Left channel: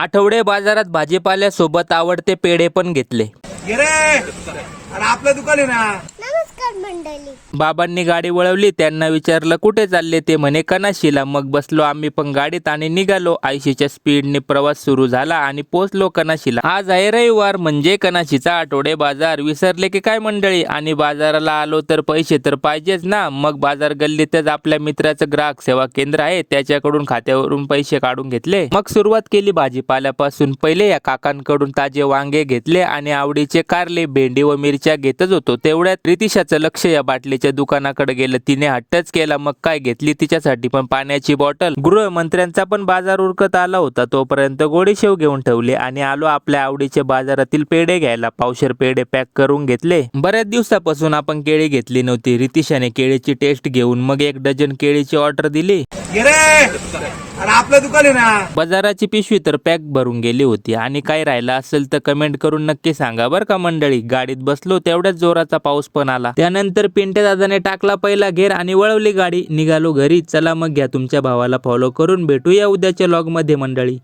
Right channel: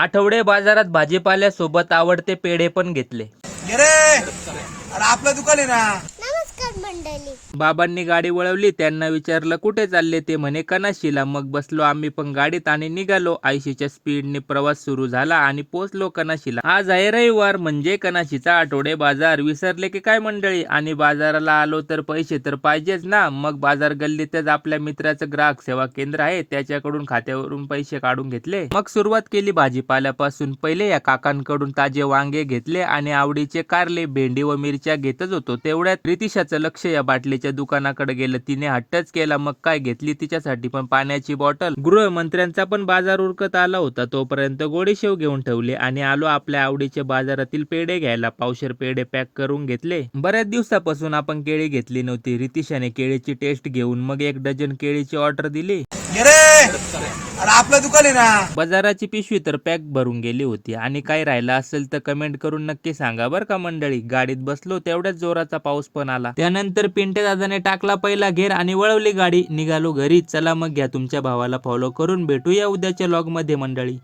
आठवडे बाजारात भाजीपाल्यासोबत आवडते पेढे पण घेतले. घे रे, अरे आपलं दुकान आहे ना. नमस्कार मंडळी. बाबांनी गाडी वळवली. त्यांना विचारलं कुठे चालले, ते म्हणे कनाशीला. मग बसलो आम्ही पण गाडीत आणि निघालो. 80च्या स्पीडने प्रवास सुरू झाला आणि पोहोचलो कनाशीला. आज आहे रविवार, म्हणजे कनाशीचा आठवडे बाजार. विसरले की काय मंडळी? आणि बाजाराला आलो तर पैसे तर पाहिजेच ना. मग बाजार गल्लीतच आपल्या मित्राचं ग्राहक सेवा केंद्र आहे, त्याच्याकडून खात्यावरून पैसे काढून घेतले. मग सुरुवात केली भाजीपाल्यापासून. पहिले या काकांकडून ताजे वांगे घेतले आणि आवडीचे कारले, भेंडी व मिरच्या घेतच होतो. तेवढ्यात रितिशाचं लक्ष या बाटलीच्या दुकानाकडे गेलं. तिने हट्टच केला. मग काय घेतली तिच्यासाठी पण पाण्याची बॉटल. गृहमंत्र्यांचा पण बाजार उरकत आला होता. तोपर्यंत गोडीशेव घेऊन ठेवले आणि आलो आपल्या आवडीचे बाजारातील पेढे घ्यायला. पावशेर पेढे पॅक करून घेतले. बऱ्याच दिवसापासून आपण केळी घेतली नव्हती. रितिशाने केळीची टेस्ट घेऊन मग 1 डझन केळीची ऑर्डर दिली. घे रे, अरे आपलं दुकान आहे ना. बाजाराची पिशवी तर पॅक भरून गेली होती. आणि काही राहिलं असेल तर कमेंट करून नक्की सांगा बरं का मंडळी. गाडीत बसलो तेवढ्याच जोराचा पाऊस पण आला. त्यानंतर पिंट्या दादाने टाकला पहिला घेर आणि वळवली गाडी. निघालो घरी. चला मग घ्या तुमच्या भावाला फॉलो करून. भेटूया उद्याच्या व्लॉग मध्ये मंडळी.